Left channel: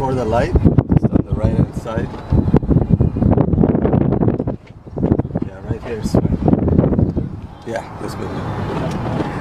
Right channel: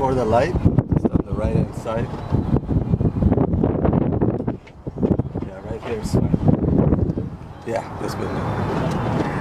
before the light, just on the right hand side. Yeah, right here is fine. Yeah, this building.